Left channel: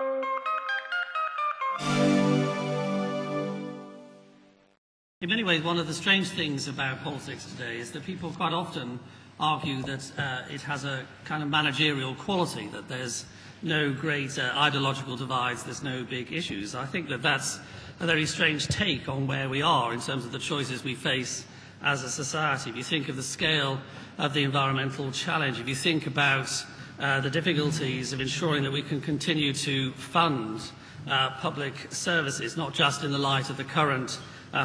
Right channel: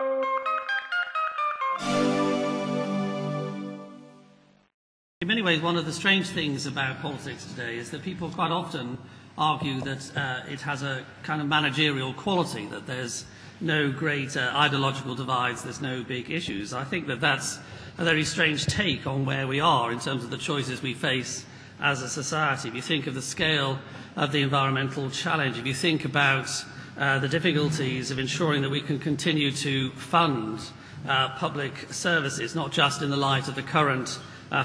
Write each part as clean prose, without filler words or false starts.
In many ways, one of the strange things about politics today is that people quite often argue that it has a kind of managerial quality, that there's no great ideological divides, there's no big issues. I think that that's a very strange take on where we are in terms of the choices we face as a society. If you think of the scale of the environmental challenge, if you think about the difficulties of ensuring that we can continue to fund public services, not just in the light of the current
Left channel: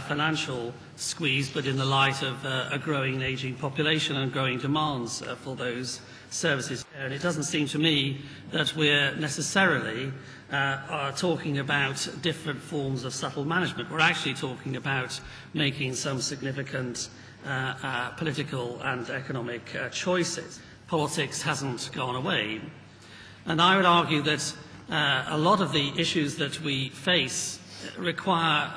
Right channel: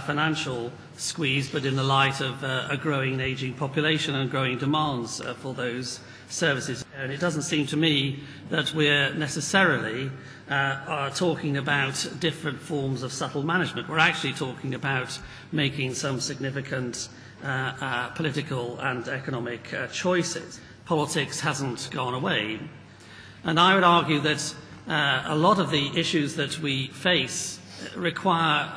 financial squeeze, but in the light of a growing and ageing population and growing demands for those services. And it doesn't seem to me that we're necessarily talking about different forms of subtle management. We're actually talking about making some significant political and economic choices. Politics hasn't gone away. And I would argue that a lot of the issues that we face require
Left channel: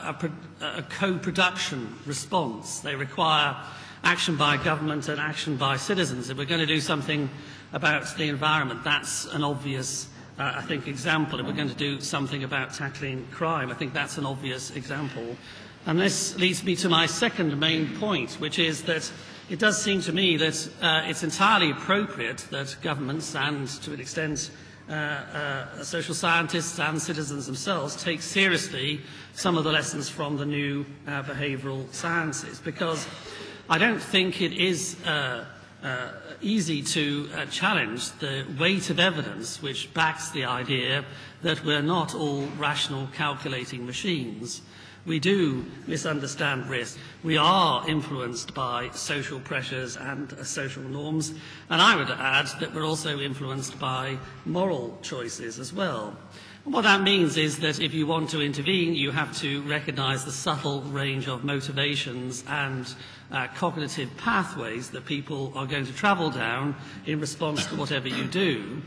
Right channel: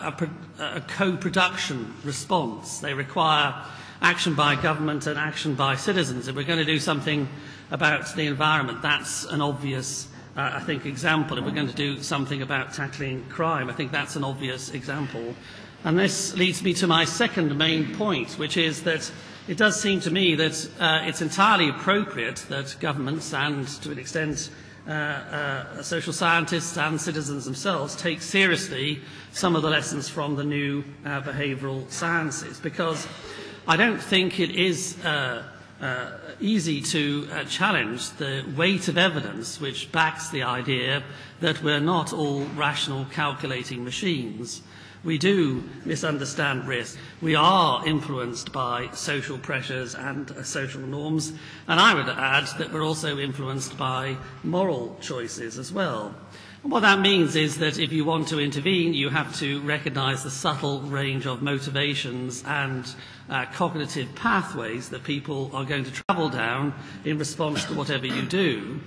a co-production response. They require action by government and action by citizens. If we're going to do something about the environment, that's an obvious, I think, example. If we're going to do something about tackling crime, I think that's an obvious example. And this leads me to my second main point, which is that it does seem to me that it's entirely appropriate that governments and, to an extent, social scientists and citizens themselves take seriously some of the lessons from the new behavioural sciences, because I don't think it is easy to challenge the weight of evidence which backs the idea that we're not all rational calculating machines. We do misunderstand risk. We are influenced by social pressures and social norms, and I would add that we're also influenced by moral choices as well. And what that means is that if you want to intervene, you have to recognise the subtle range of motivations and cognitive pathways that people are going to travel down in response to whatever you do.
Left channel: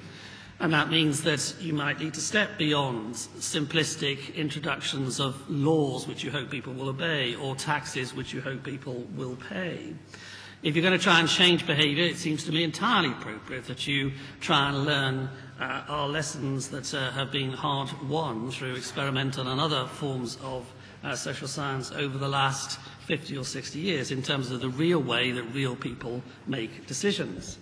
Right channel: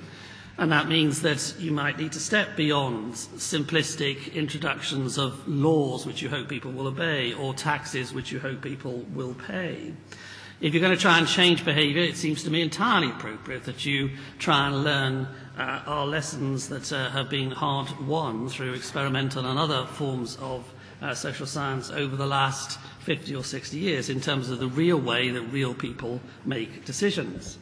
And that means that you might need to step beyond simplistic introductions of laws which you hope people will obey, or taxes which you hope people will pay. If you're going to try and change behaviour, it seems to me entirely appropriate that you try and learn our lessons that have been hard won through experimental and other forms of social science over the last 50 or 60 years in terms of the real way that real people make decisions.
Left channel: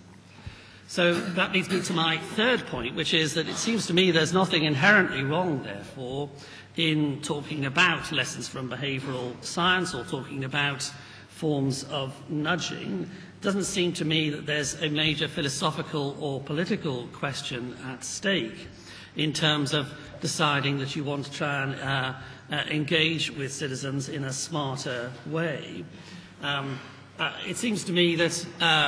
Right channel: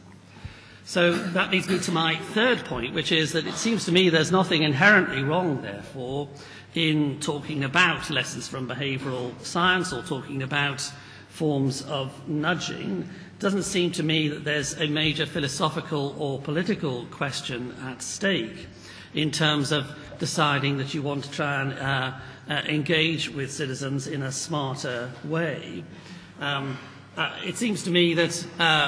So that leads me to my third point, which is that it seems to me there's nothing inherently wrong, therefore, in talking about lessons from behavioural science or talking about forms of nudging. It doesn't seem to me that there's a major philosophical or political question at stake in terms of deciding that you want to try and engage with citizens in a smarter way. It seems to me that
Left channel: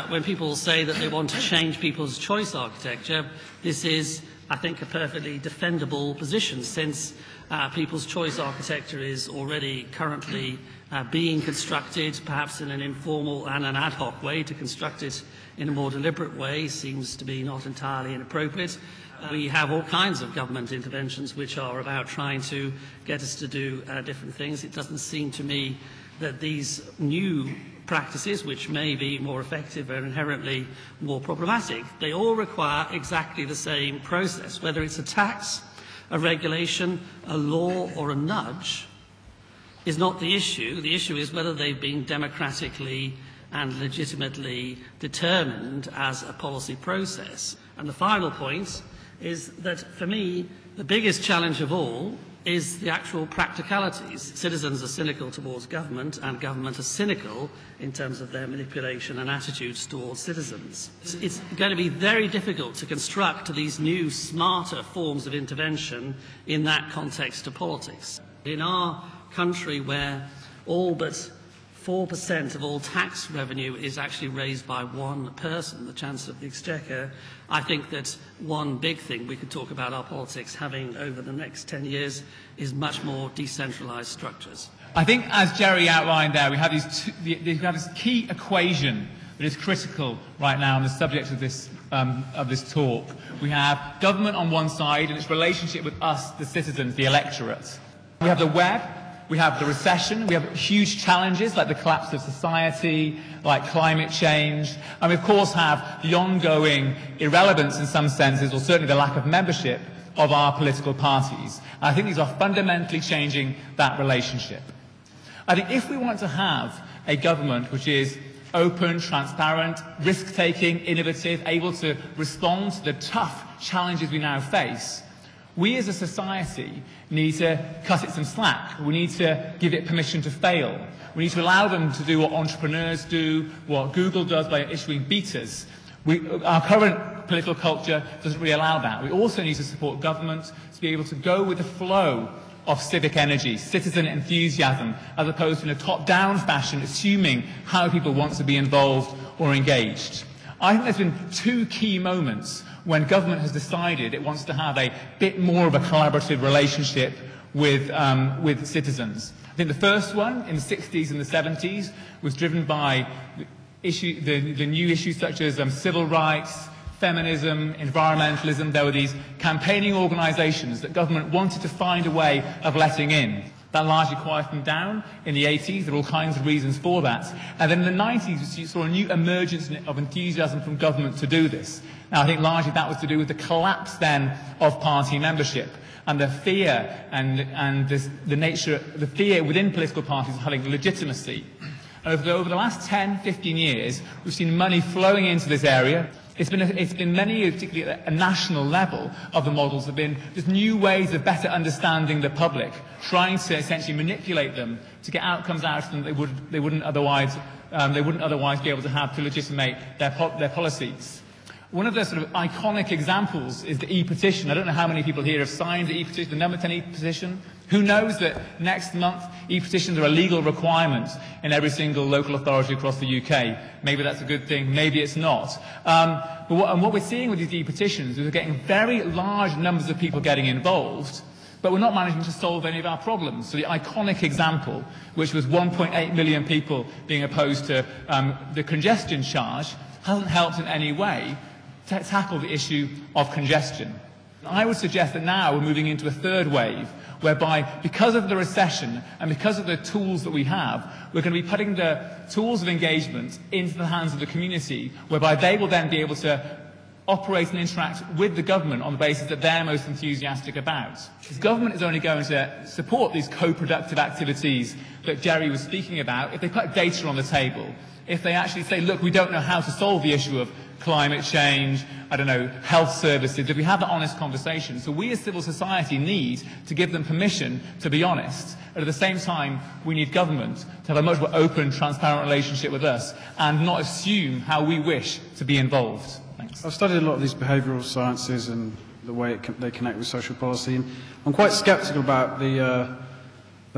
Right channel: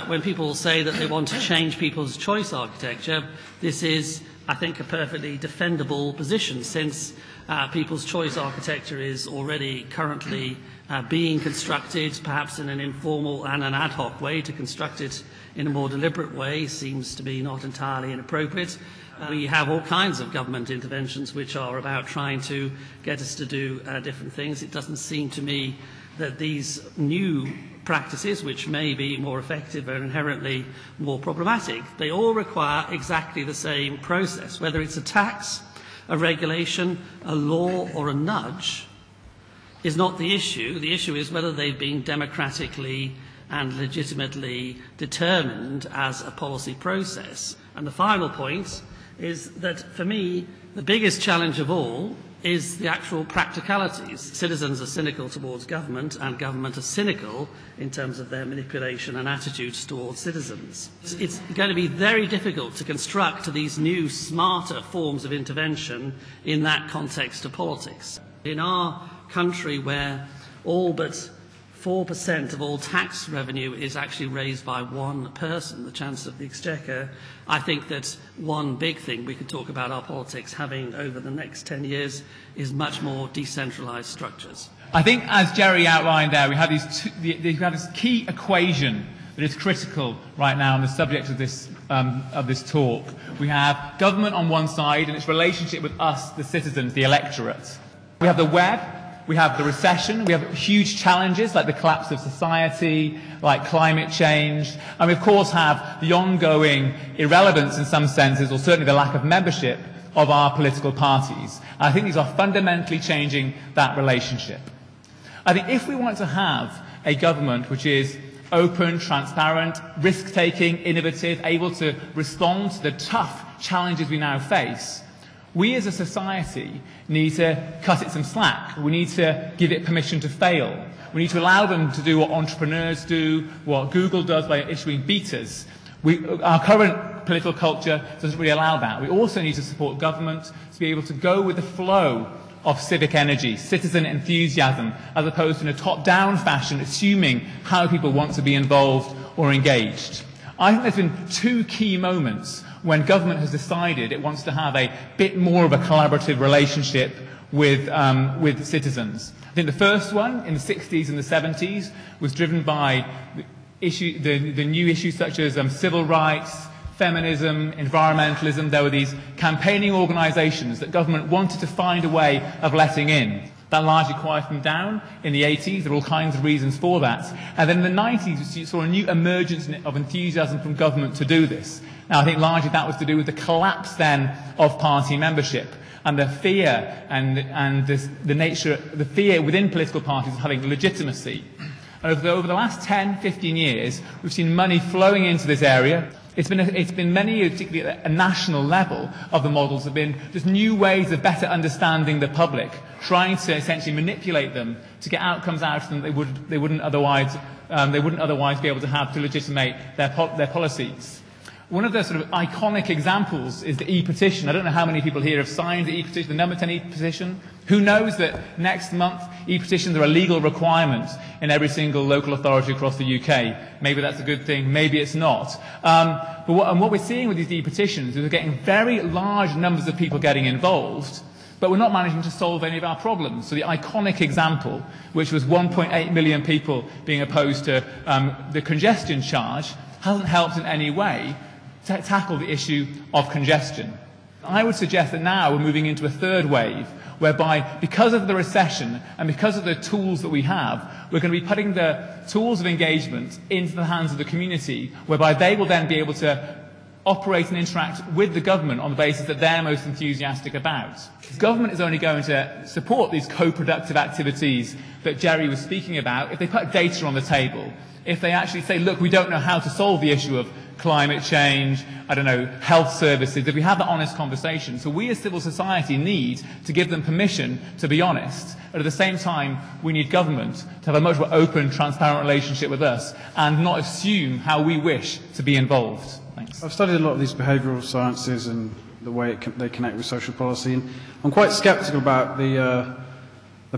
when people say that they want to change people's choice architecture, this is, I think, a perfectly defendable position, since people's choice architecture is already currently being constructed, perhaps in an informal and an ad hoc way. To construct it in a more deliberate way seems to be not entirely inappropriate. We have all kinds of government interventions which are about trying to get us to do different things. It doesn't seem to me that these new practices, which may be more effective and inherently more problematic, they all require exactly the same process. Whether it's a tax, a regulation, a law, or a nudge is not the issue. The issue is whether they've been democratically and legitimately determined as a policy process. And the final point is that, for me, the biggest challenge of all is the actual practicalities. Citizens are cynical towards government, and government are cynical in terms of their manipulation and attitudes towards citizens. It's going to be very difficult to construct these new, smarter forms of intervention in that context of politics. In our country, where all but 4% of all tax revenue is actually raised by one person, the Chancellor of the Exchequer, I think that one big thing we could talk about our politics having over the next 10 years is much more decentralised structures. I think, as Gerry outlined there, we have this key equation that is critical right now on the subject of this talk. We have government on one side and its relationship with us, the citizens, the electorate. We have the web. We have the recession, we have huge challenges like the collapse of society, like climate change, and we of course have the ongoing irrelevance in some senses, or certainly the lack of membership of our political parties. And I think these are fundamentally changing that relationship. I think if we want to have a government which is open, transparent, risk-taking, innovative, able to respond to the tough challenges we now face, we as a society need to cut it some slack. We need to give it permission to fail. We need to allow them to do what entrepreneurs do, what Google does by issuing betas. Our current political culture doesn't really allow that. We also need to support government to be able to go with the flow of civic energy, citizen enthusiasm, as opposed to in a top-down fashion, assuming how people want to be involved or engaged. I think there's been two key moments when government has decided it wants to have a bit more of a collaborative relationship with citizens. I think the first one, in the 60s and the 70s, was driven by the new issues such as civil rights, feminism, environmentalism. There were these campaigning organisations that government wanted to find a way of letting in. That largely quieted them down in the 80s. There were all kinds of reasons for that. And then in the 90s, we saw a new emergence of enthusiasm from government to do this. Now, I think largely that was to do with the collapse then of party membership and the fear and the fear within political parties of having legitimacy. And over the last 10, 15 years, we've seen money flowing into this area. It's been many, particularly at a national level, of the models have been just new ways of better understanding the public, trying to essentially manipulate them to get outcomes out of them they wouldn't otherwise be able to have to legitimate their policies. One of the sort of iconic examples is the e-petition. I don't know how many people here have signed the e-petition, the number 10 e-petition. Who knows that next month e-petitions are a legal requirement in every single local authority across the UK? Maybe that's a good thing, maybe it's not. But what we're seeing with these e-petitions is we're getting very large numbers of people getting involved, but we're not managing to solve any of our problems. So the iconic example, which was 1.8 million people being opposed to the congestion charge, hasn't helped in any way to tackle the issue of congestion. I would suggest that now we're moving into a third wave, whereby because of the recession and because of the tools that we have, we're going to be putting the tools of engagement into the hands of the community, whereby they will then be able to operate and interact with the government on the basis that they're most enthusiastic about. The government is only going to support these co-productive activities that Gerry was speaking about if they put data on the table. If they actually say, look, we don't know how to solve the issue of climate change, health services, if we have that honest conversation. So we as civil society need to give them permission to be honest. But at the same time, we need government to have a much more open, transparent relationship with us and not assume how we wish to be involved. Thanks. I've studied a lot of these behavioural sciences and the way they connect with social policy. And I'm quite sceptical about the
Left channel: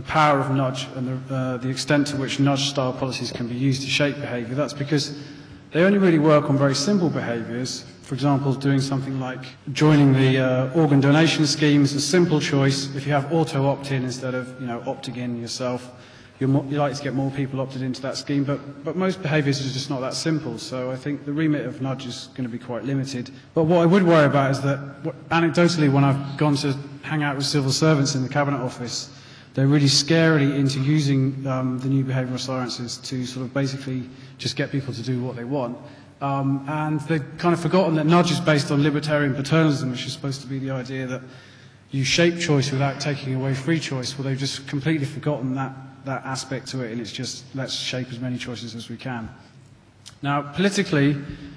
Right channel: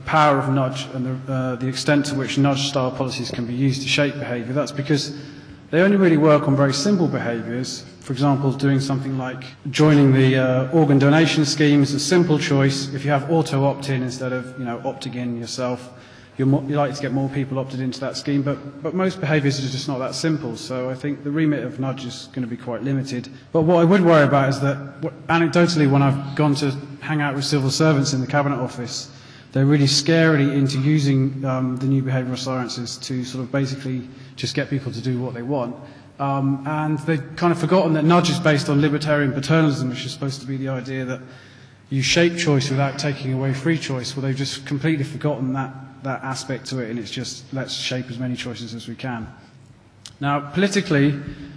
power of nudge and the extent to which nudge-style policies can be used to shape behaviour. That's because they only really work on very simple behaviours. For example, doing something like joining the organ donation scheme is a simple choice. If you have auto opt-in instead of opting in yourself, you're likely to get more people opted into that scheme. But most behaviours are just not that simple. So I think the remit of nudge is going to be quite limited. But what I would worry about is that, anecdotally, when I've gone to hang out with civil servants in the Cabinet Office, they're really scarily into using the new behavioural sciences to sort of basically just get people to do what they want. And they've kind of forgotten that nudge is based on libertarian paternalism, which is supposed to be the idea that you shape choice without taking away free choice. Well, they've just completely forgotten that aspect to it, and it's just let's shape as many choices as we can. Now, politically,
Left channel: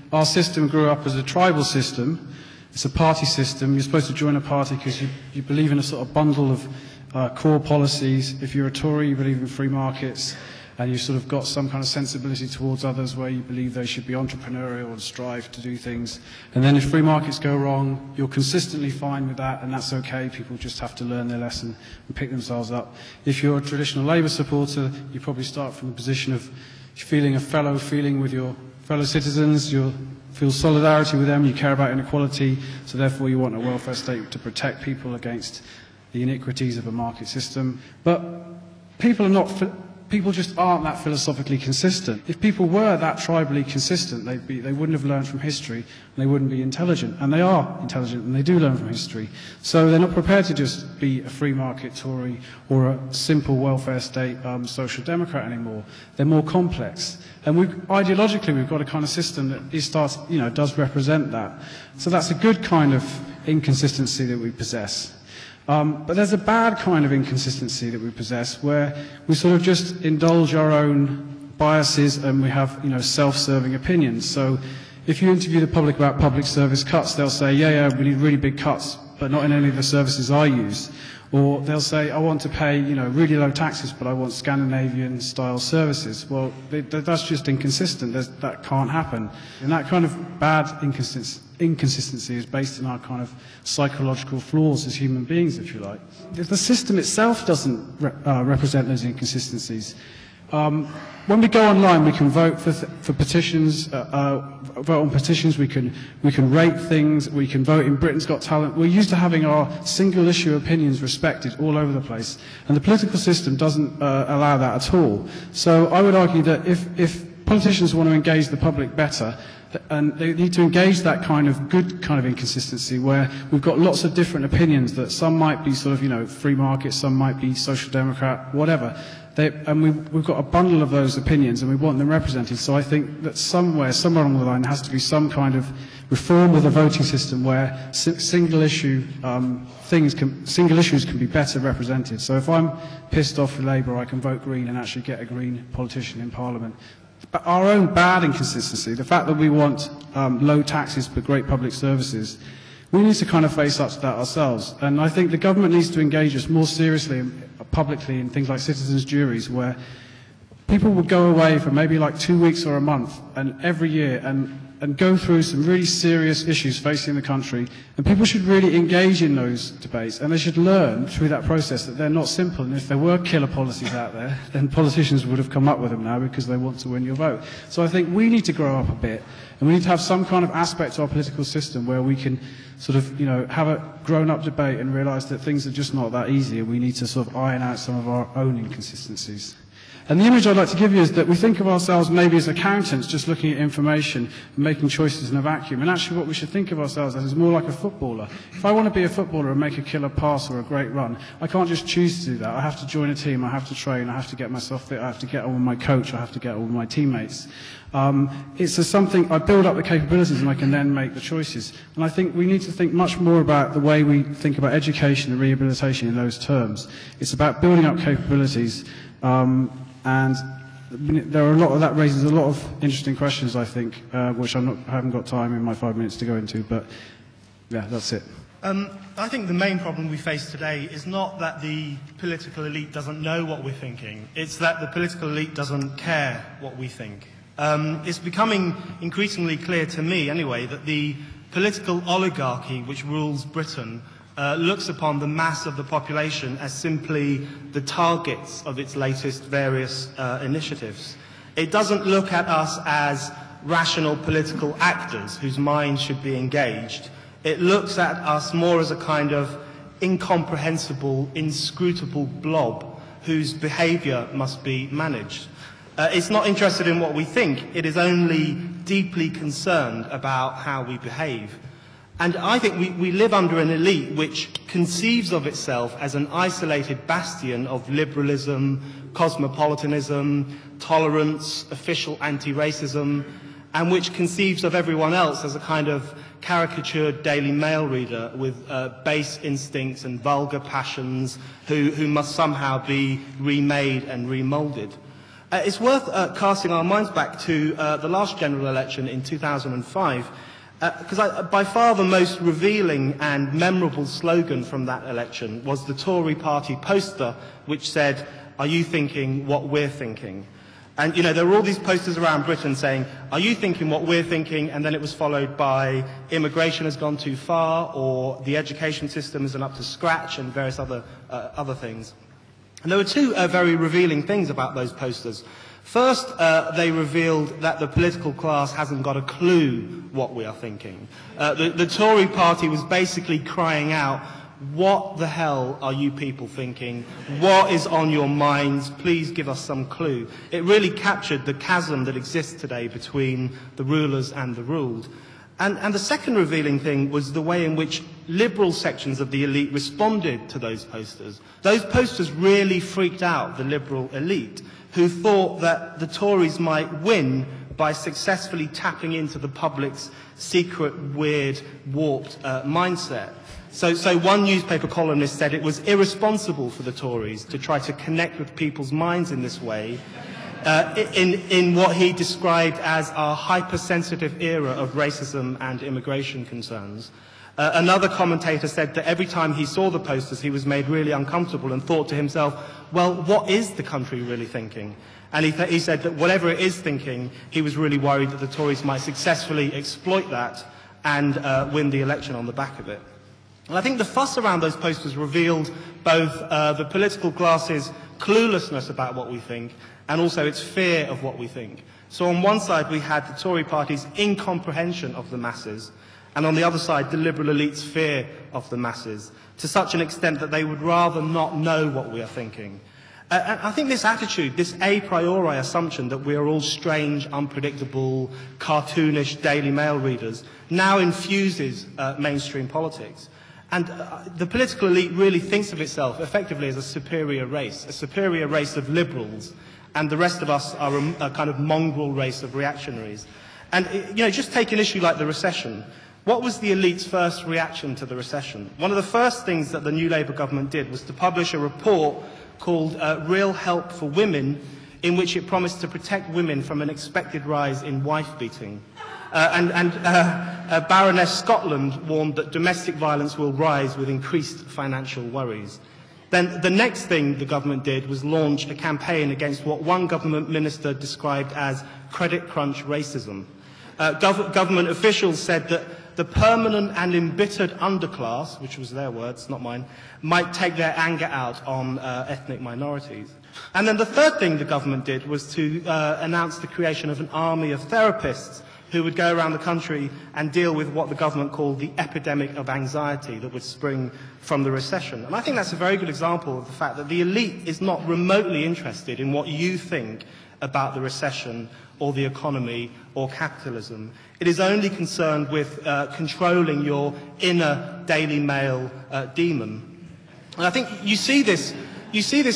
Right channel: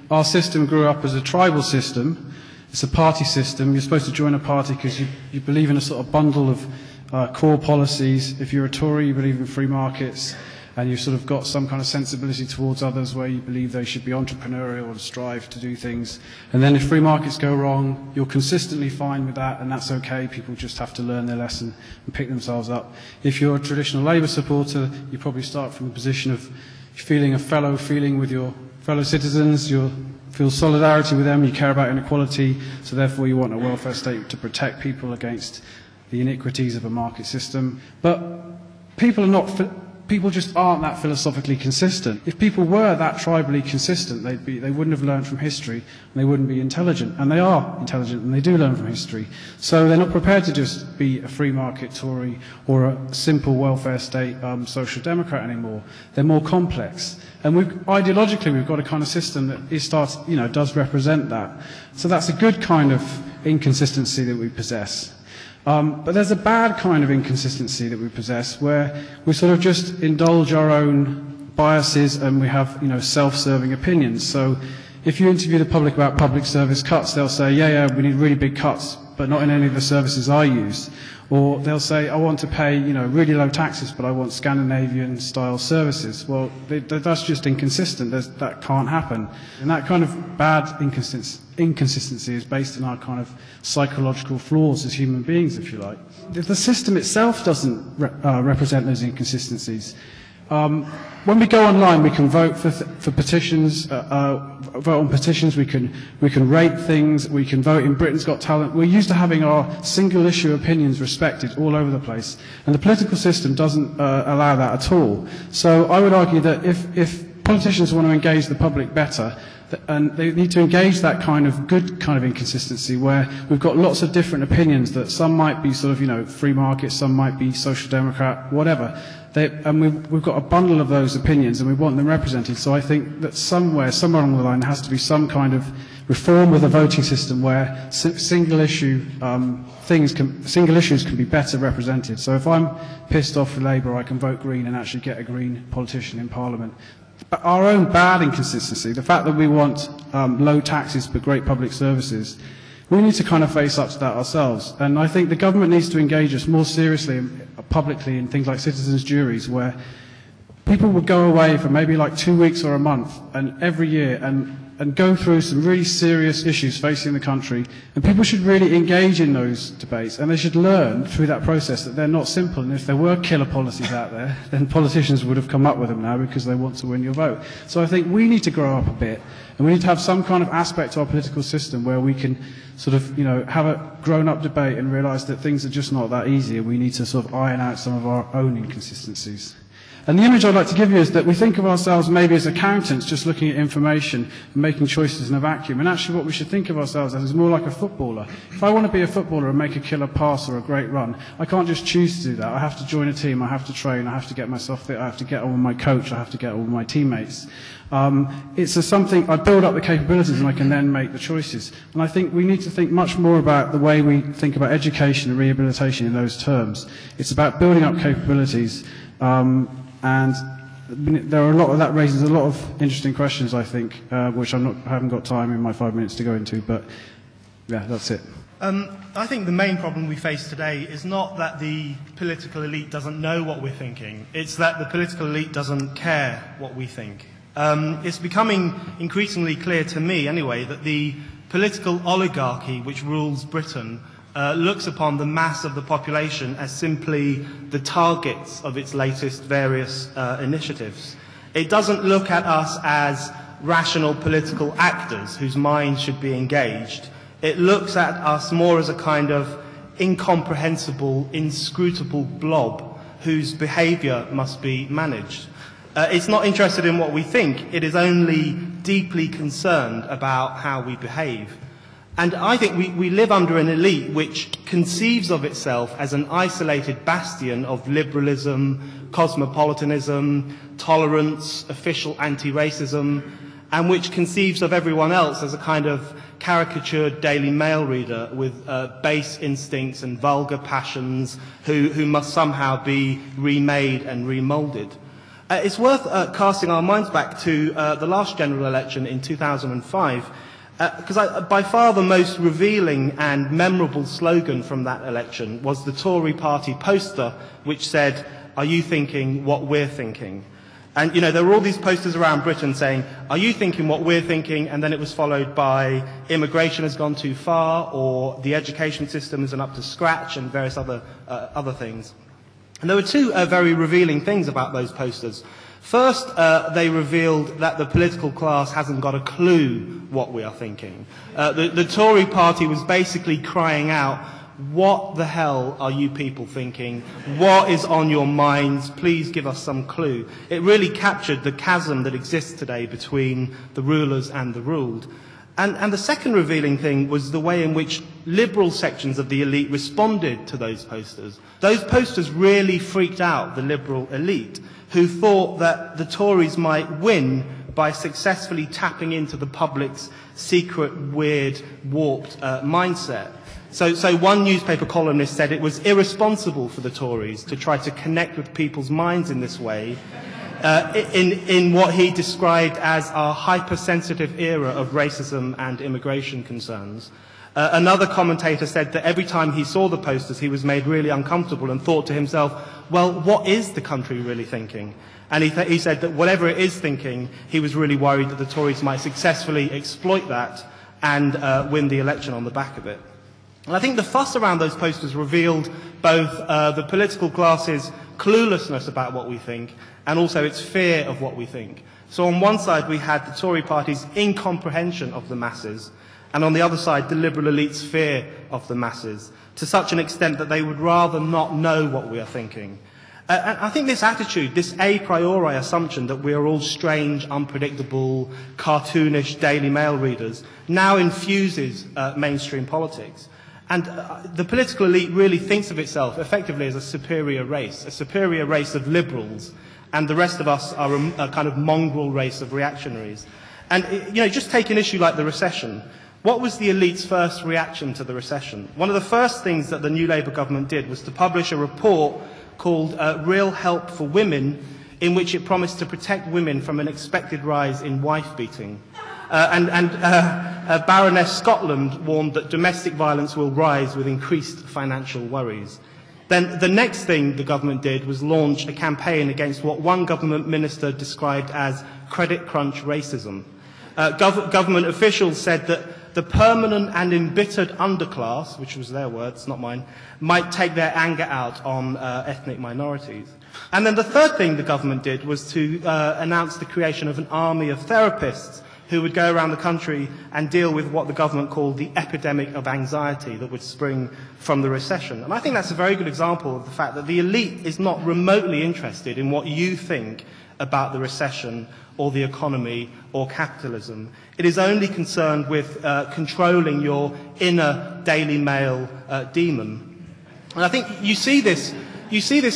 our system grew up as a tribal system. It's a party system. You're supposed to join a party because you believe in a sort of bundle of core policies. If you're a Tory, you believe in free markets, and you've sort of got some kind of sensibility towards others where you believe they should be entrepreneurial and strive to do things. And then if free markets go wrong, you're consistently fine with that, and that's okay. People just have to learn their lesson and pick themselves up. If you're a traditional Labour supporter, you probably start from the position of feeling a fellow feeling with your fellow citizens. You'll feel solidarity with them. You care about inequality, so therefore you want a welfare state to protect people against the iniquities of a market system. But people just aren't that philosophically consistent. If people were that tribally consistent, they wouldn't have learned from history, and they wouldn't be intelligent. And they are intelligent, and they do learn from history. So they're not prepared to just be a free market Tory or a simple welfare state social democrat anymore. They're more complex. And ideologically, we've got a kind of system that does represent that. So that's a good kind of inconsistency that we possess. But there's a bad kind of inconsistency that we possess where we sort of just indulge our own biases and we have, self-serving opinions. So if you interview the public about public service cuts, they'll say, yeah, we need really big cuts, but not in any of the services I use. Or they'll say, I want to pay, really low taxes, but I want Scandinavian-style services. Well, that's just inconsistent. That can't happen. And that kind of bad inconsistency is based on our kind of psychological flaws as human beings, if you like. The system itself doesn't represent those inconsistencies. When we go online, we can vote for petitions, vote on petitions, we can rate things, we can vote in Britain's Got Talent. We're used to having our single issue opinions respected all over the place, and the political system doesn't allow that at all. So I would argue that if politicians want to engage the public better, and they need to engage that kind of good kind of inconsistency where we've got lots of different opinions that some might be sort of, free market, some might be social democrat, whatever. And we've got a bundle of those opinions and we want them represented. So I think that somewhere along the line, there has to be some kind of reform of the voting system where single issues can be better represented. So if I'm pissed off with Labour, I can vote Green and actually get a Green politician in Parliament. But our own bad inconsistency, the fact that we want low taxes but great public services, we need to kind of face up to that ourselves. And I think the government needs to engage us more seriously and publicly in things like citizens' juries, where people would go away for maybe like 2 weeks or a month and every year and go through some really serious issues facing the country. And people should really engage in those debates, and they should learn through that process that they're not simple. And if there were killer policies out there, then politicians would have come up with them now because they want to win your vote. So I think we need to grow up a bit, and we need to have some kind of aspect to our political system where we can sort of, have a grown-up debate and realise that things are just not that easy, and we need to sort of iron out some of our own inconsistencies. And the image I'd like to give you is that we think of ourselves maybe as accountants just looking at information and making choices in a vacuum. And actually what we should think of ourselves as is more like a footballer. If I want to be a footballer and make a killer pass or a great run, I can't just choose to do that. I have to join a team, I have to train, I have to get myself fit, I have to get on with my coach, I have to get on with my teammates. It's something, I build up the capabilities and I can then make the choices. And I think we need to think much more about the way we think about education and rehabilitation in those terms. It's about building up capabilities, and there are that raises a lot of interesting questions, I think, which I haven't got time in my 5 minutes to go into, but yeah, that's it. I think the main problem we face today is not that the political elite doesn't know what we're thinking, it's that the political elite doesn't care what we think. It's becoming increasingly clear to me, anyway, that the political oligarchy which rules Britain looks upon the mass of the population as simply the targets of its latest various initiatives. It doesn't look at us as rational political actors whose minds should be engaged. It looks at us more as a kind of incomprehensible, inscrutable blob whose behaviour must be managed. It's not interested in what we think, it is only deeply concerned about how we behave. And I think we live under an elite which conceives of itself as an isolated bastion of liberalism, cosmopolitanism, tolerance, official anti-racism, and which conceives of everyone else as a kind of caricatured Daily Mail reader with base instincts and vulgar passions who must somehow be remade and remoulded. It's worth casting our minds back to the last general election in 2005, because by far the most revealing and memorable slogan from that election was the Tory party poster which said, "Are you thinking what we're thinking?" And, there were all these posters around Britain saying, "Are you thinking what we're thinking?" And then it was followed by, "Immigration has gone too far," or "The education system isn't up to scratch," and various other things. And there were two very revealing things about those posters. First, they revealed that the political class hasn't got a clue what we are thinking. The Tory party was basically crying out, "What the hell are you people thinking? What is on your minds? Please give us some clue." It really captured the chasm that exists today between the rulers and the ruled. And the second revealing thing was the way in which liberal sections of the elite responded to those posters. Those posters really freaked out the liberal elite, who thought that the Tories might win by successfully tapping into the public's secret, weird, warped mindset. So one newspaper columnist said it was irresponsible for the Tories to try to connect with people's minds in this way, in what he described as our hypersensitive era of racism and immigration concerns. Another commentator said that every time he saw the posters, he was made really uncomfortable and thought to himself, well, what is the country really thinking? And he said that whatever it is thinking, he was really worried that the Tories might successfully exploit that and win the election on the back of it. And I think the fuss around those posters revealed both the political class's cluelessness about what we think and also its fear of what we think. So on one side we had the Tory party's incomprehension of the masses, and on the other side the liberal elite's fear of the masses, to such an extent that they would rather not know what we are thinking. And I think this attitude, this a priori assumption that we are all strange, unpredictable, cartoonish Daily Mail readers, now infuses mainstream politics. And the political elite really thinks of itself effectively as a superior race of liberals, and the rest of us are a kind of mongrel race of reactionaries. And just take an issue like the recession. What was the elite's first reaction to the recession? One of the first things that the new Labour government did was to publish a report called Real Help for Women, in which it promised to protect women from an expected rise in wife-beating. Baroness Scotland warned that domestic violence will rise with increased financial worries. Then the next thing the government did was launch a campaign against what one government minister described as credit crunch racism. Government officials said that the permanent and embittered underclass, which was their words, not mine, might take their anger out on ethnic minorities. And then the third thing the government did was to announce the creation of an army of therapists who would go around the country and deal with what the government called the epidemic of anxiety that would spring from the recession. And I think that's a very good example of the fact that the elite is not remotely interested in what you think about the recession or the economy or capitalism. It is only concerned with controlling your inner Daily Mail demon. And I think you see this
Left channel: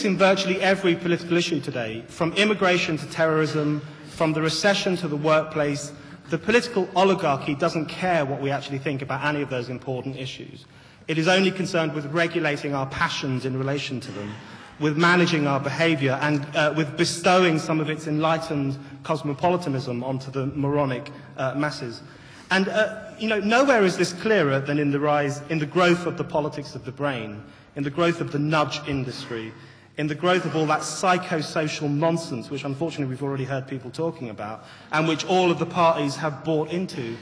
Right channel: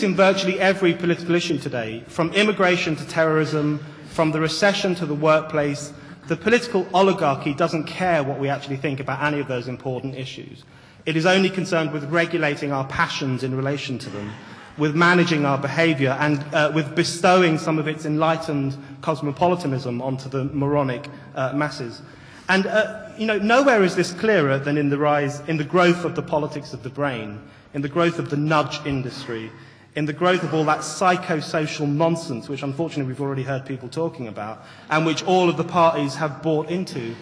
in virtually every political issue today, from immigration to terrorism, from the recession to the workplace. The political oligarchy doesn't care what we actually think about any of those important issues. It is only concerned with regulating our passions in relation to them, with managing our behaviour, and with bestowing some of its enlightened cosmopolitanism onto the moronic masses. And nowhere is this clearer than in the growth of the politics of the brain, in the growth of the nudge industry, in the growth of all that psychosocial nonsense, which unfortunately we've already heard people talking about, and which all of the parties have bought into.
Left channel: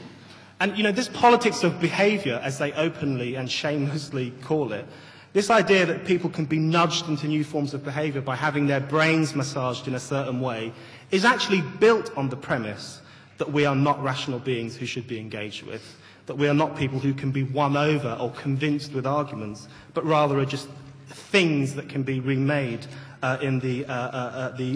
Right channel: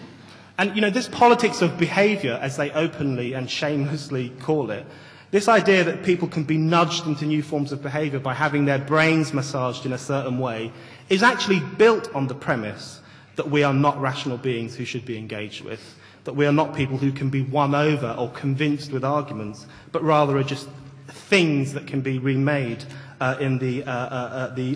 And this politics of behaviour, as they openly and shamelessly call it, this idea that people can be nudged into new forms of behaviour by having their brains massaged in a certain way, is actually built on the premise that we are not rational beings who should be engaged with, that we are not people who can be won over or convinced with arguments, but rather are just things that can be remade in the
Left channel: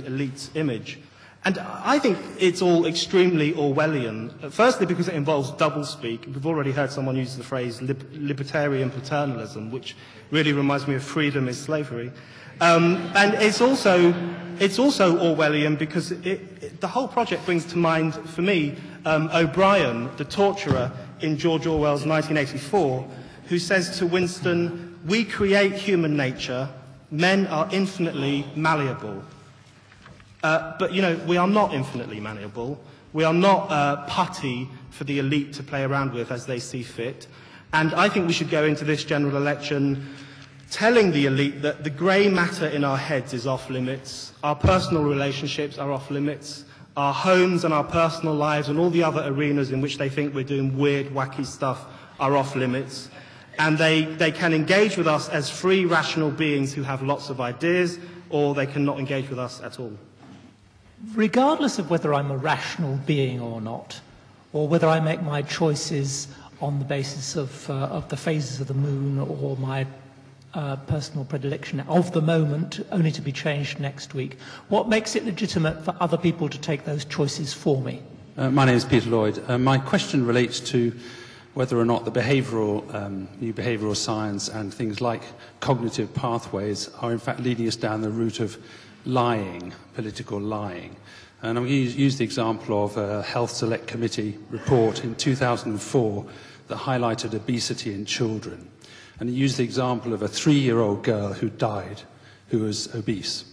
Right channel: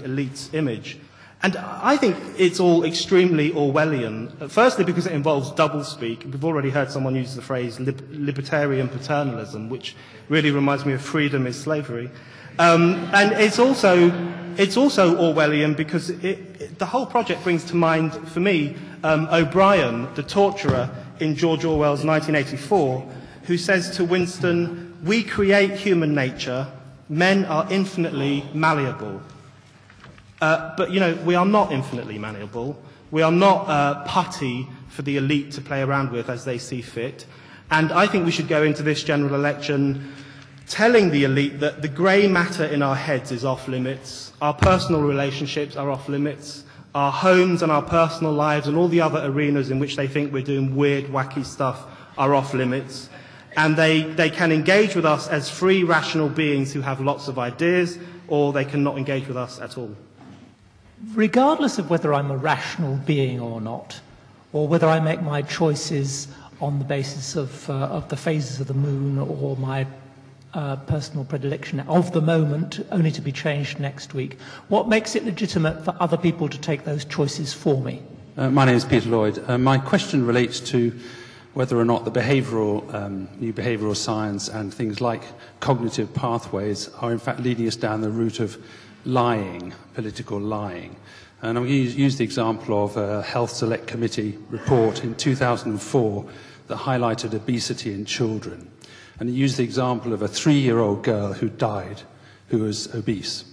elite's image. And I think it's all extremely Orwellian, firstly because it involves doublespeak. We've already heard someone use the phrase libertarian paternalism, which really reminds me of freedom is slavery. And it's also Orwellian because the whole project brings to mind, for me, O'Brien, the torturer in George Orwell's 1984, who says to Winston, "We create human nature, men are infinitely malleable." But we are not infinitely malleable. We are not putty for the elite to play around with as they see fit. And I think we should go into this general election telling the elite that the grey matter in our heads is off limits, our personal relationships are off limits, our homes and our personal lives and all the other arenas in which they think we're doing weird, wacky stuff are off limits. And they can engage with us as free, rational beings who have lots of ideas, or they cannot engage with us at all. Regardless of whether I'm a rational being or not, or whether I make my choices on the basis of the phases of the moon or my personal predilection of the moment, only to be changed next week, what makes it legitimate for other people to take those choices for me? My name is Peter Lloyd. My question relates to whether or not the new behavioural science and things like cognitive pathways are in fact leading us down the route of lying, political lying. And I'm going to use the example of a Health Select Committee report in 2004 that highlighted obesity in children. And he used the example of a 3-year-old girl who died, who was obese.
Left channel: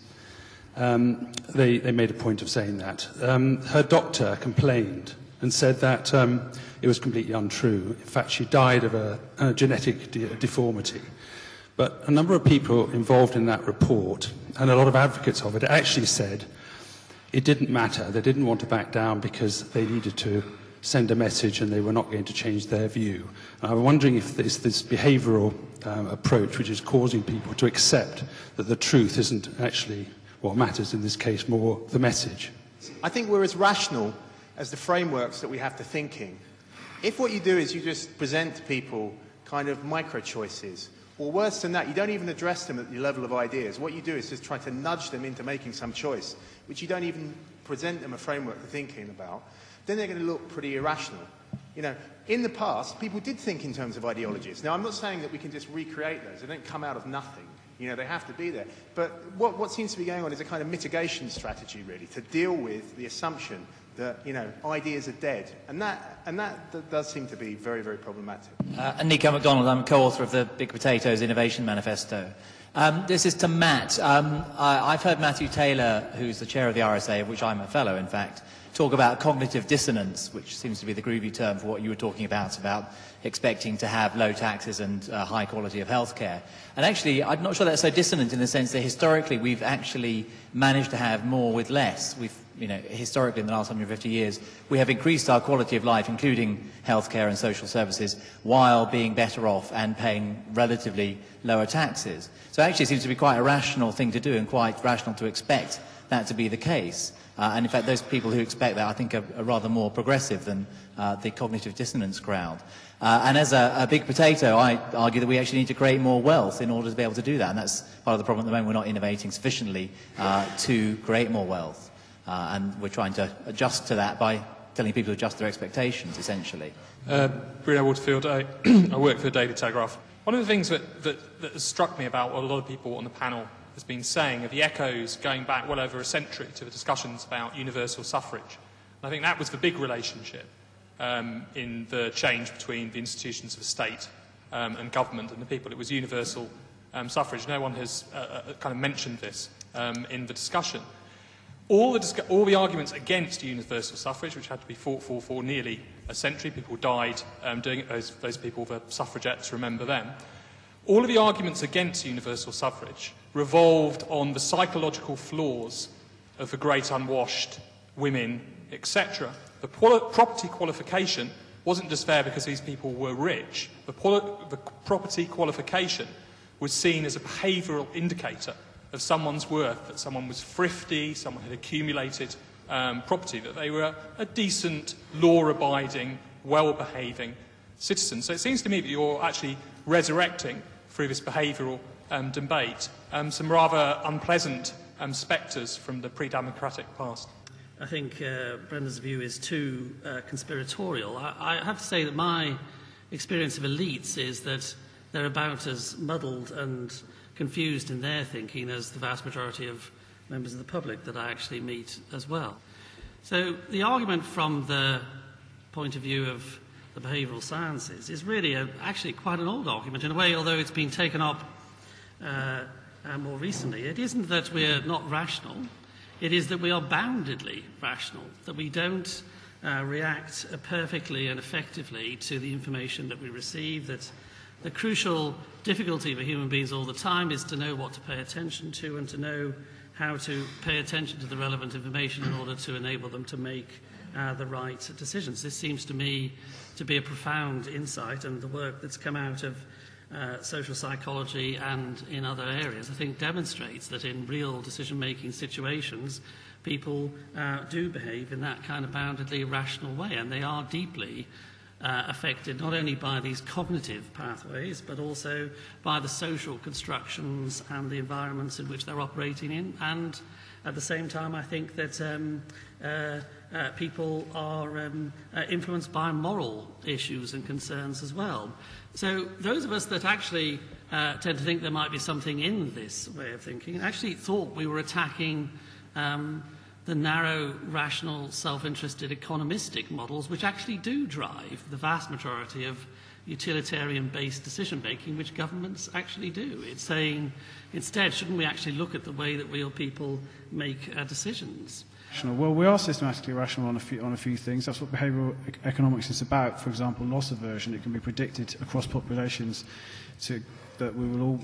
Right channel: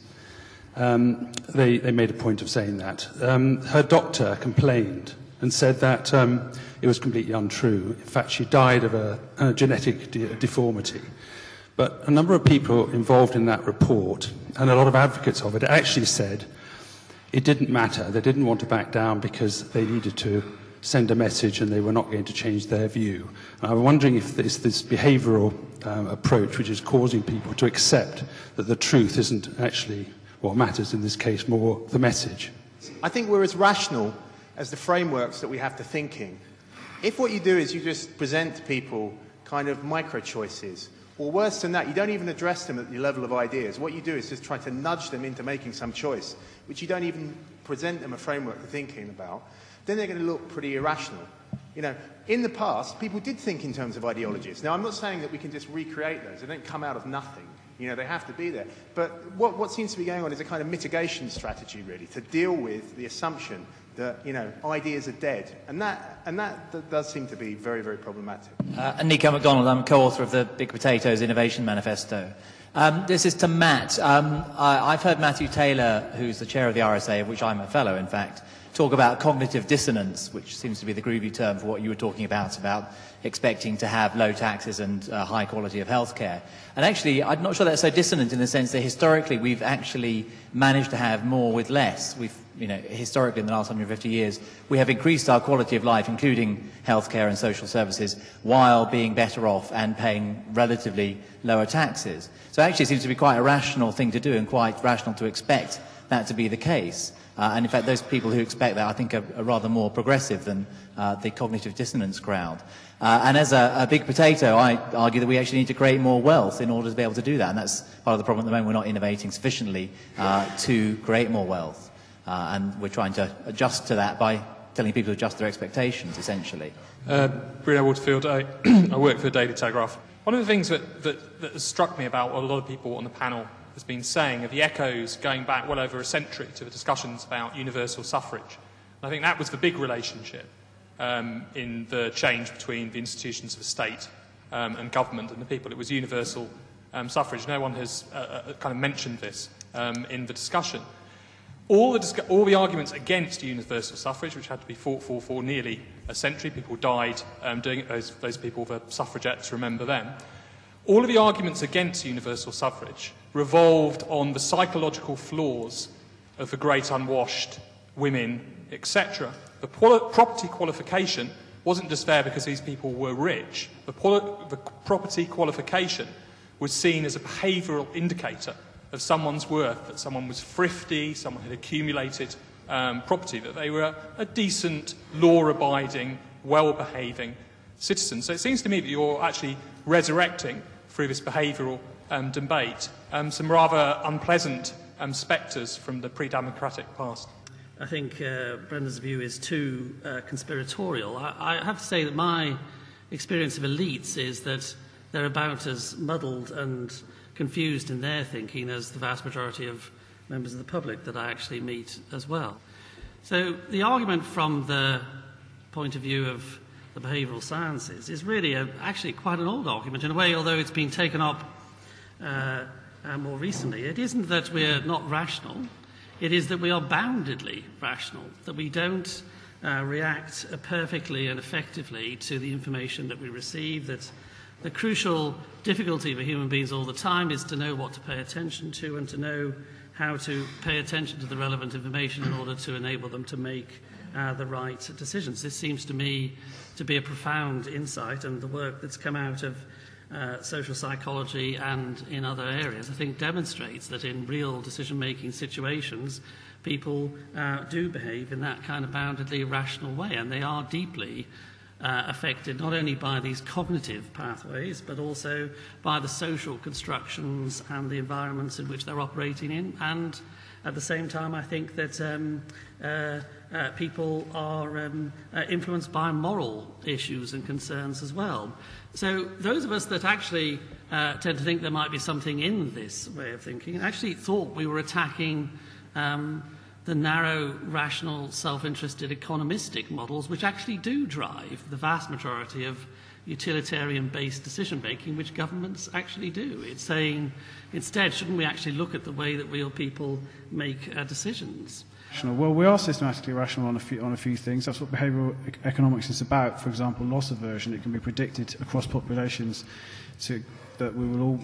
They made a point of saying that. Her doctor complained and said that it was completely untrue. In fact, she died of a genetic deformity. But a number of people involved in that report, and a lot of advocates of it, actually said it didn't matter. They didn't want to back down because they needed to send a message and they were not going to change their view. And I'm wondering if it's this behavioural approach which is causing people to accept that the truth isn't actually what matters in this case, more the message. I think we're as rational as the frameworks that we have to think in. If what you do is you just present to people kind of micro-choices, or worse than that, you don't even address them at the level of ideas. What you do is just try to nudge them into making some choice, which you don't even present them a framework for thinking about, then they're going to look pretty irrational. You know, in the past, people did think in terms of ideologies. Now, I'm not saying that we can just recreate those. They don't come out of nothing. You know, they have to be there. But what seems to be going on is a kind of mitigation strategy, really, to deal with the assumption that, you know, ideas are dead. And that does seem to be very, very problematic. Nico MacDonald, I'm co-author of the Big Potatoes Innovation Manifesto. This is to Matt. I've heard Matthew Taylor, who's the chair of the RSA, of which I'm a fellow, in fact, talk about cognitive dissonance, which seems to be the groovy term for what you were talking about expecting to have low taxes and high quality of healthcare. And actually, I'm not sure that's so dissonant in the sense that historically we've actually managed to have more with less. We've, you know, historically in the last 150 years, we have increased our quality of life, including healthcare and social services, while being better off and paying relatively lower taxes. So actually it seems to be quite a rational thing to do and quite rational to expect that to be the case. And in fact, those people who expect that, I think, are rather more progressive than the cognitive dissonance crowd. And as a big potato, I argue that we actually need to create more wealth in order to be able to do that. And that's part of the problem at the moment. We're not innovating sufficiently to create more wealth. And we're trying to adjust to that by telling people to adjust their expectations, essentially. Bruno Waterfield, I work for the Daily Telegraph. One of the things that has struck me about what a lot of people on the panel has been saying are the echoes going back well over a century to the discussions about universal suffrage. And I think that was the big relationship in the change between the institutions of the state and government and the people. It was universal suffrage. No one has kind of mentioned this in the discussion. All the arguments against universal suffrage, which had to be fought for nearly a century, people died doing it, those people, the suffragettes, remember them. All of the arguments against universal suffrage revolved on the psychological flaws of the great unwashed, women, etc. The property qualification wasn't just there because these people were rich. The property qualification was seen as a behavioural indicator of someone's worth, that someone was thrifty, someone had accumulated property, that they were a decent, law-abiding, well-behaving citizen. So it seems to me that you're actually resurrecting, through this behavioural debate, some rather unpleasant spectres from the pre-democratic past. I think Brendan's view is too conspiratorial. I have to say that my experience of elites is that they're about as muddled and confused in their thinking as the vast majority of members of the public that I actually meet as well. So the argument from the point of view of the behavioural sciences is really actually quite an old argument in a way, although it's been taken up more recently. It isn't that we're not rational, it is that we are boundedly rational, that we don't react perfectly and effectively to the information that we receive, that the crucial difficulty for human beings all the time is to know what to pay attention to and to know how to pay attention to the relevant information in order to enable them to make the right decisions. This seems to me to be a profound insight, and the work that's come out of social psychology and in other areas, I think, demonstrates that in real decision-making situations, people do behave in that kind of boundedly rational way, and they are deeply affected not only by these cognitive pathways, but also by the social constructions and the environments in which they're operating in. And at the same time, I think that people are influenced by moral issues and concerns as well. So those of us that actually tend to think there might be something in this way of thinking actually thought we were attacking the narrow, rational, self-interested economistic models which actually do drive the vast majority of utilitarian-based decision-making which governments actually do. It's saying, instead, shouldn't we actually look at the way that real people make decisions? Well, we are systematically rational on a few things. That's what behavioural economics is about. For example, loss aversion. It can be predicted across populations that we will all,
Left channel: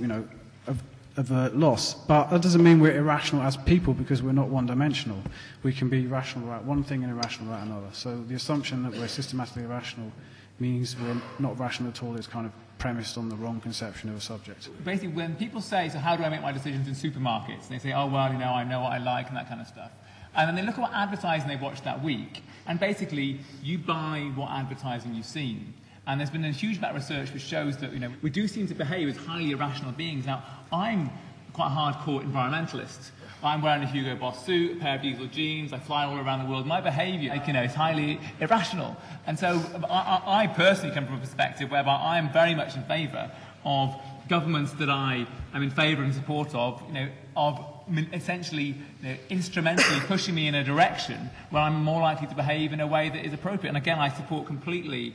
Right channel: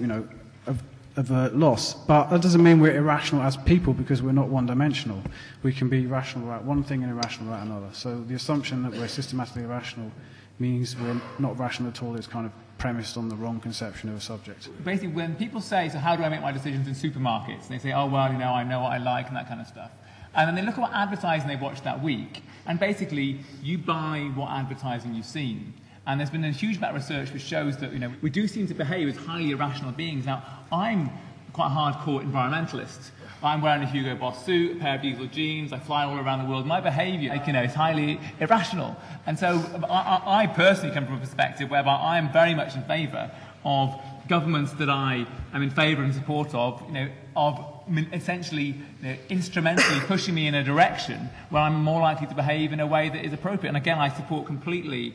avert loss. But that doesn't mean we're irrational as people, because we're not one-dimensional. We can be rational about one thing and irrational about another. So the assumption that we're systematically irrational means we're not rational at all is kind of premised on the wrong conception of a subject. Basically, when people say, so how do I make my decisions in supermarkets? They say, oh, well, I know what I like and that kind of stuff. And then they look at what advertising they watched that week, and basically you buy what advertising you've seen. And there's been a huge amount of research which shows that we do seem to behave as highly irrational beings. Now, I'm quite a hardcore environmentalist. I'm wearing a Hugo Boss suit, a pair of diesel jeans, I fly all around the world. My behaviour, is highly irrational. And so I personally come from a perspective whereby I am very much in favour of governments that I am in favour and support of essentially instrumentally pushing me in a direction where I'm more likely to behave in a way that is appropriate. And again, I support completely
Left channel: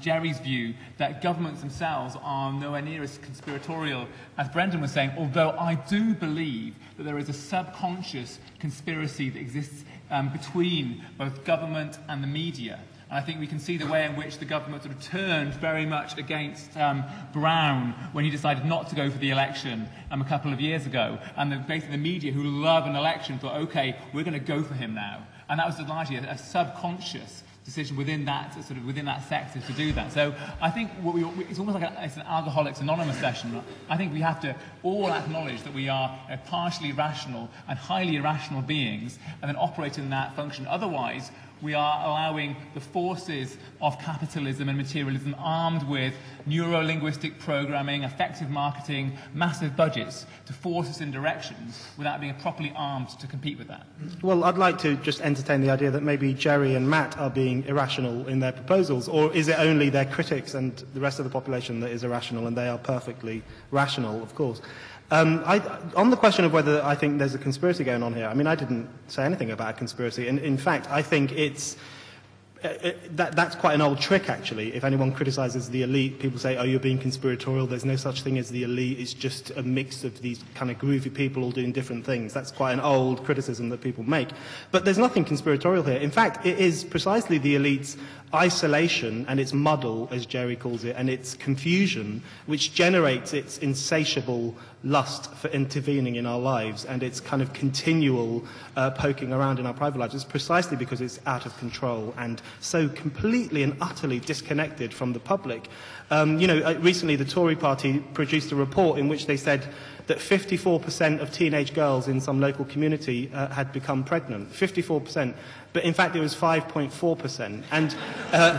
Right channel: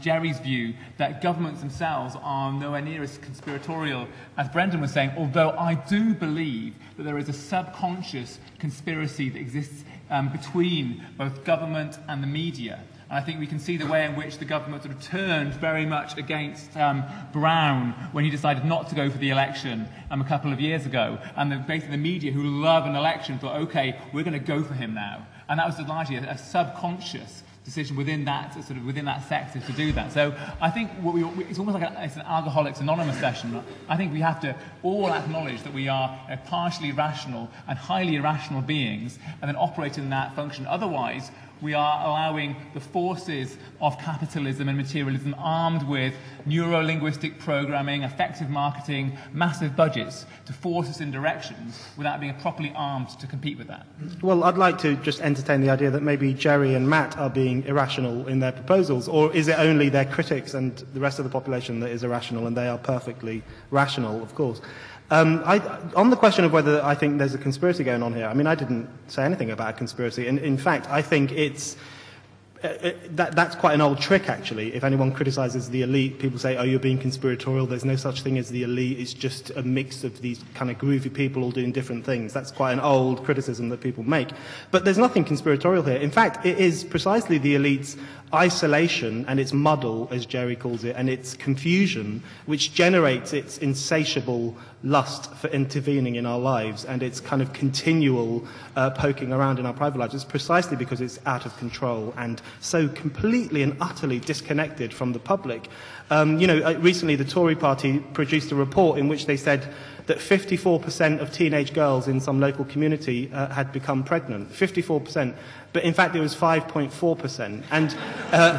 Gerry's view that governments themselves are nowhere near as conspiratorial as Brendan was saying, although I do believe that there is a subconscious conspiracy that exists between both government and the media. And I think we can see the way in which the government sort of turned very much against Brown when he decided not to go for the election a couple of years ago. And basically the media, who love an election, thought, OK, we're going to go for him now. And that was largely a subconscious decision within that sector to do that. So I think it's almost like it's an Alcoholics Anonymous session. I think we have to all acknowledge that we are partially rational and highly irrational beings, and then operate in that function. Otherwise, we are allowing the forces of capitalism and materialism, armed with neuro-linguistic programming, effective marketing, massive budgets, to force us in directions without being properly armed to compete with that. Well, I'd like to just entertain the idea that maybe Gerry and Matt are being irrational in their proposals, or is it only their critics and the rest of the population that is irrational, and they are perfectly rational, of course? On the question of whether I think there's a conspiracy going on here, I didn't say anything about a conspiracy. And in fact, I think that's quite an old trick, actually. If anyone criticises the elite, people say, oh, you're being conspiratorial. There's no such thing as the elite. It's just a mix of these kind of groovy people all doing different things. That's quite an old criticism that people make. But there's nothing conspiratorial here. In fact, it is precisely the elite's isolation and its muddle, as Gerry calls it, and its confusion, which generates its insatiable lust for intervening in our lives and its kind of continual poking around in our private lives. It's precisely because it's out of control and so completely and utterly disconnected from the public. Recently the Tory party produced a report in which they said that 54% of teenage girls in some local community had become pregnant. 54%. But in fact, it was 5.4%. And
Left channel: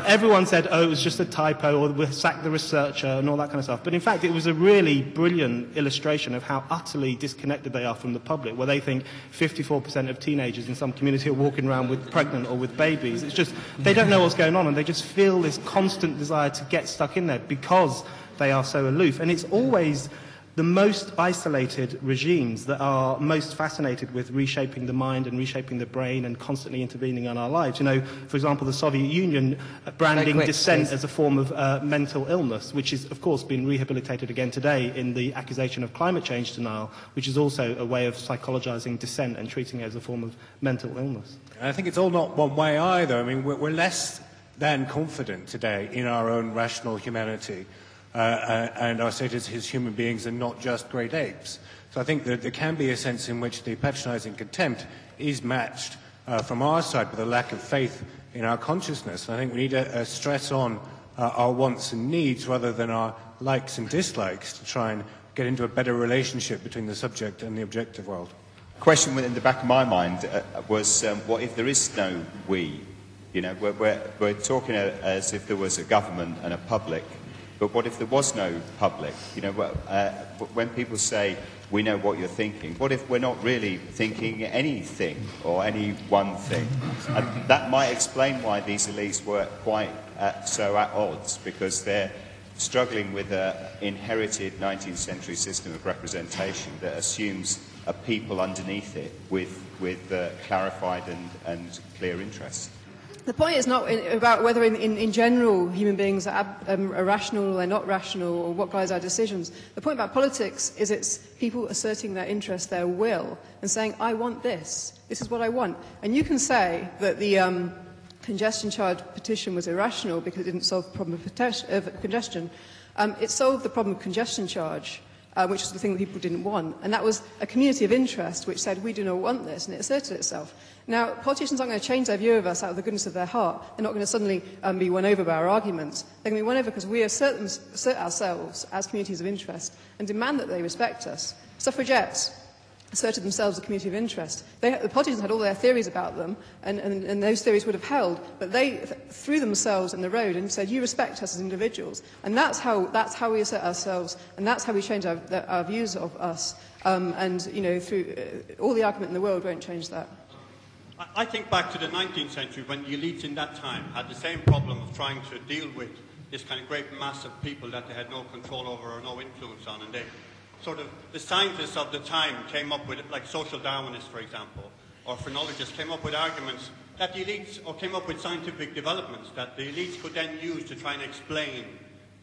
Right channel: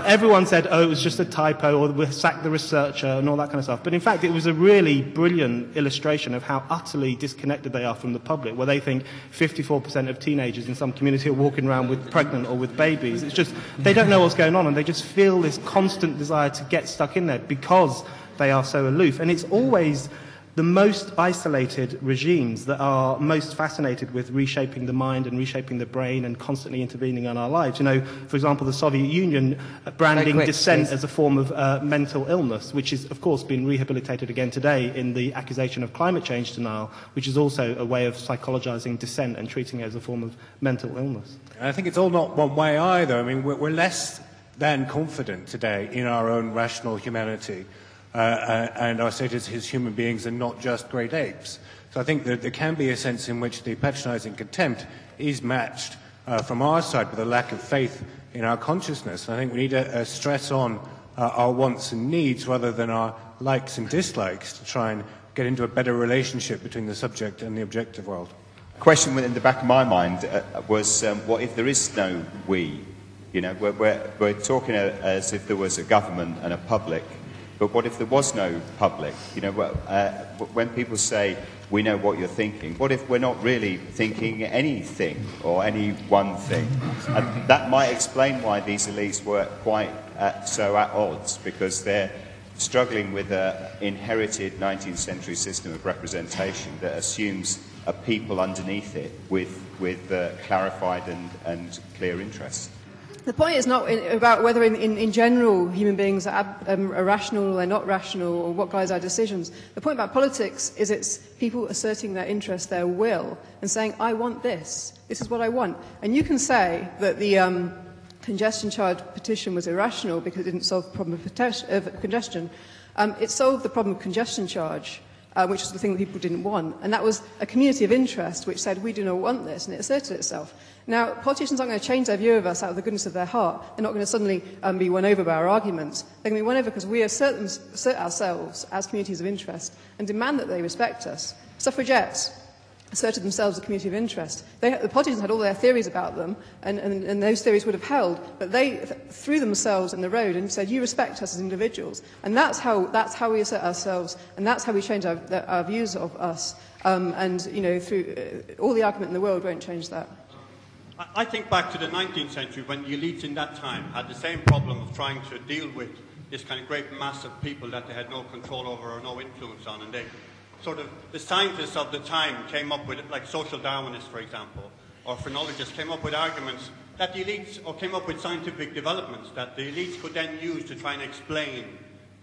everyone said, oh, it was just a typo, or we'll sack the researcher, and all that kind of stuff. But in fact, it was a really brilliant illustration of how utterly disconnected they are from the public, where they think 54% of teenagers in some community are walking around with pregnant or with babies. It's just, they don't know what's going on, and they just feel this constant desire to get stuck in there because they are so aloof. And it's always the most isolated regimes that are most fascinated with reshaping the mind and reshaping the brain and constantly intervening in our lives. For example, the Soviet Union branding dissent as a form of mental illness, which is, of course, been rehabilitated again today in the accusation of climate change denial, which is also a way of psychologizing dissent and treating it as a form of mental illness. And I think it's all not one way either. We're less than confident today in our own rational humanity. And our status as human beings and not just great apes. So I think that there can be a sense in which the patronising contempt is matched from our side with a lack of faith in our consciousness. I think we need to stress on our wants and needs rather than our likes and dislikes to try and get into a better relationship between the subject and the objective world. The question in the back of my mind was, what if there is no we? We're talking as if there was a government and a public. But what if there was no public? When people say, we know what you're thinking, what if we're not really thinking anything or any one thing? And that might explain why these elites were quite so at odds, because they're struggling with an inherited 19th century system of representation that assumes a people underneath it with clarified and clear interests. The point is not about whether in general human beings are rational or they're not rational or what guides our decisions. The point about politics is it's people asserting their interest, their will, and saying, I want this. This is what I want. And you can say that the congestion charge petition was irrational because it didn't solve the problem of congestion. It solved the problem of congestion charge, which was the thing that people didn't want. And that was a community of interest which said, we do not want this, and it asserted itself. Now, politicians aren't going to change their view of us out of the goodness of their heart. They're not going to suddenly be won over by our arguments. They're going to be won over because we assert ourselves as communities of interest and demand that they respect us. Suffragettes asserted themselves as a community of interest. The politicians had all their theories about them, and those theories would have held, but they threw themselves in the road and said, you respect us as individuals. And that's how we assert ourselves, and that's how we change our views of us. And, you know, through all the argument in the world won't change that. I think back to the 19th century when the elites in that time had the same problem of trying to deal with this kind of great mass of people that they had no control over or no influence on. And they sort of, the scientists of the time came up with, like social Darwinists, for example, or phrenologists came up with arguments that the elites, or came up with scientific developments that the elites could then use to try and explain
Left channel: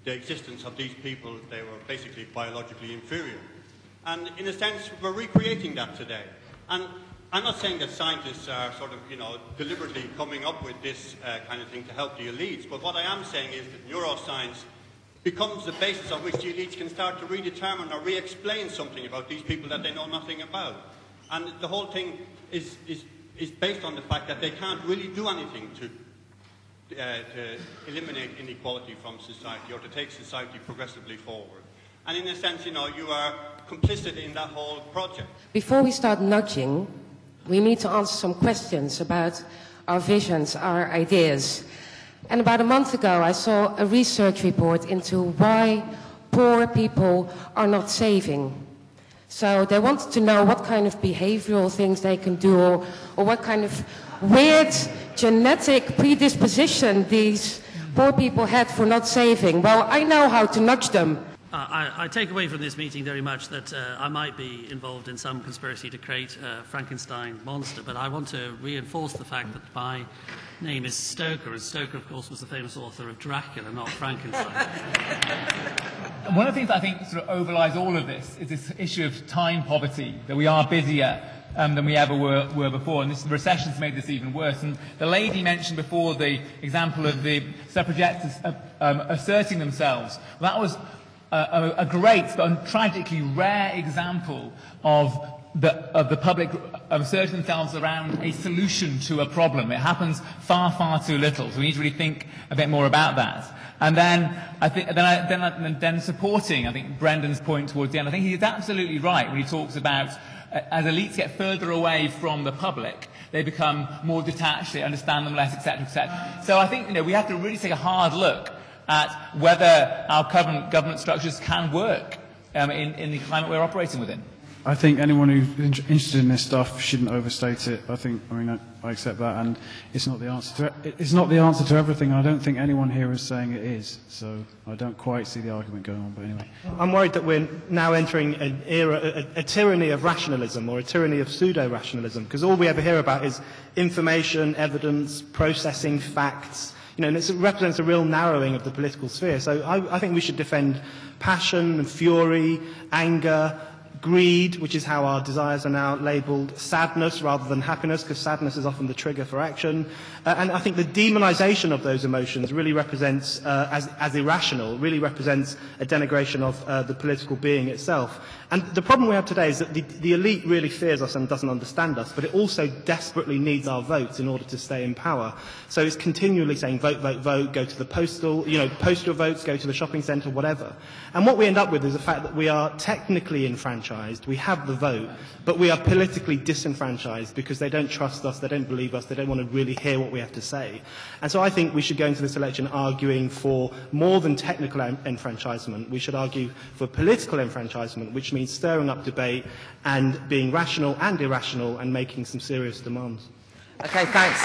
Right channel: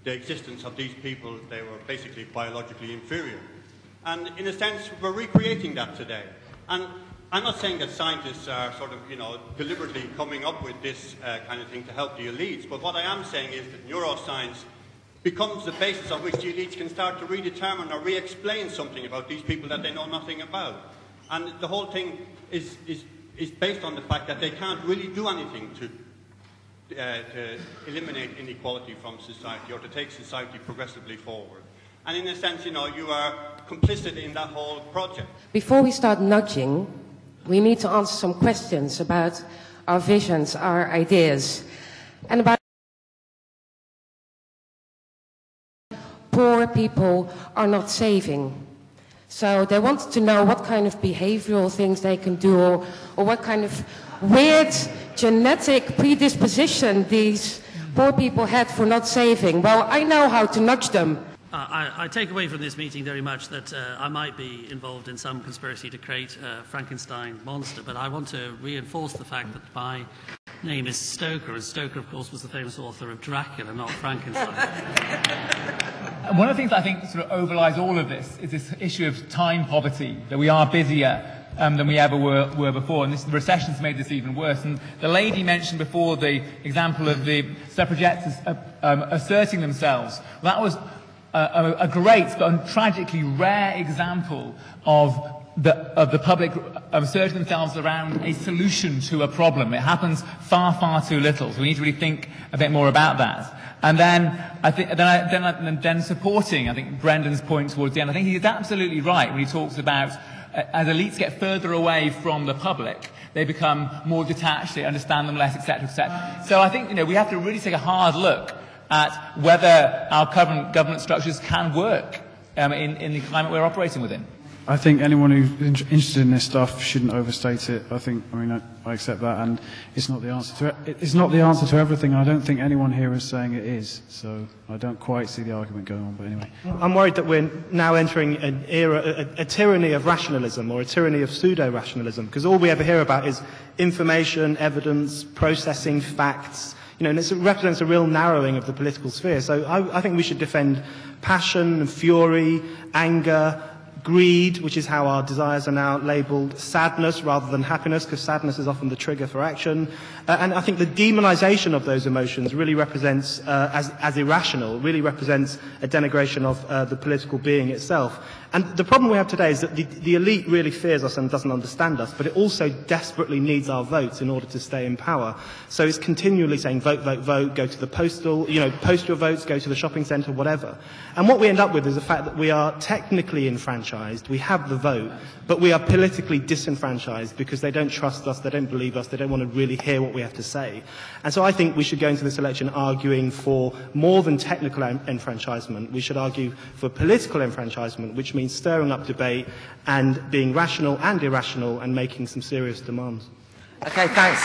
the existence of these people. They were basically biologically inferior. And in a sense, we're recreating that today. And I'm not saying that scientists are sort of, you know, deliberately coming up with this kind of thing to help the elites, but what I am saying is that neuroscience becomes the basis on which the elites can start to redetermine or re-explain something about these people that they know nothing about. And the whole thing is based on the fact that they can't really do anything to eliminate inequality from society or to take society progressively forward. And in a sense, you know, you are complicit in that whole project. Before we start nudging, we need to answer some questions about our visions, our ideas. And about a month ago, I saw a research report into why poor people are not saving. So they wanted to know what kind of behavioral things they can do, or what kind of weird genetic predisposition these poor people had for not saving. Well, I know how to nudge them. I take away from this meeting very much that I might be involved in some conspiracy to create a Frankenstein monster, but I want to reinforce the fact that my name is Stoker, and Stoker, of course, was the famous author of Dracula, not Frankenstein. And one of the things I think sort of overlies all of this is this issue of time poverty, that we are busier than we ever were before. The recession's made this even worse. And the lady mentioned before the example of the suffragettes asserting themselves. That was a great but tragically rare example of the public asserting themselves around a solution to a problem. It happens far, far too little. So we need to really think a bit more about that. And then then supporting, I think, Brendan's point towards the end. I think he's absolutely right when he talks about as elites get further away from the public, they become more detached, they understand them less, etc., etc. So I think, you know, we have to really take a hard look at whether our current government structures can work in the climate we're operating within. I think anyone who's interested in this stuff shouldn't overstate it. I accept that, and it's not the answer to it. It's not the answer to everything. I don't think anyone here is saying it is. So I don't quite see the argument going on. But anyway, I'm worried that we're now entering an era, a tyranny of rationalism, or a tyranny of pseudo-rationalism, because all we ever hear about is information, evidence, processing facts. You know, and this represents a real narrowing of the political sphere. So I think we should defend passion, fury, anger, greed, which is how our desires are now labelled, sadness rather than happiness, because sadness is often the trigger for action. And I think the demonisation of those emotions really represents, as irrational, really represents a denigration of the political being itself. And the problem we have today is that the elite really fears us and doesn't understand us, but it also desperately needs our votes in order to stay in power. So it's continually saying, vote, vote, vote, go to the postal, you know, post your votes, go to the shopping centre, whatever. And what we end up with is the fact that we are technically enfranchised, we have the vote, but we are politically disenfranchised because they don't trust us, they don't believe us, they don't want to really hear what we have to say. And so I think we should go into this election arguing for more than technical enfranchisement. We should argue for political enfranchisement, which means stirring up debate and being rational and irrational and making some serious demands. Okay, thanks.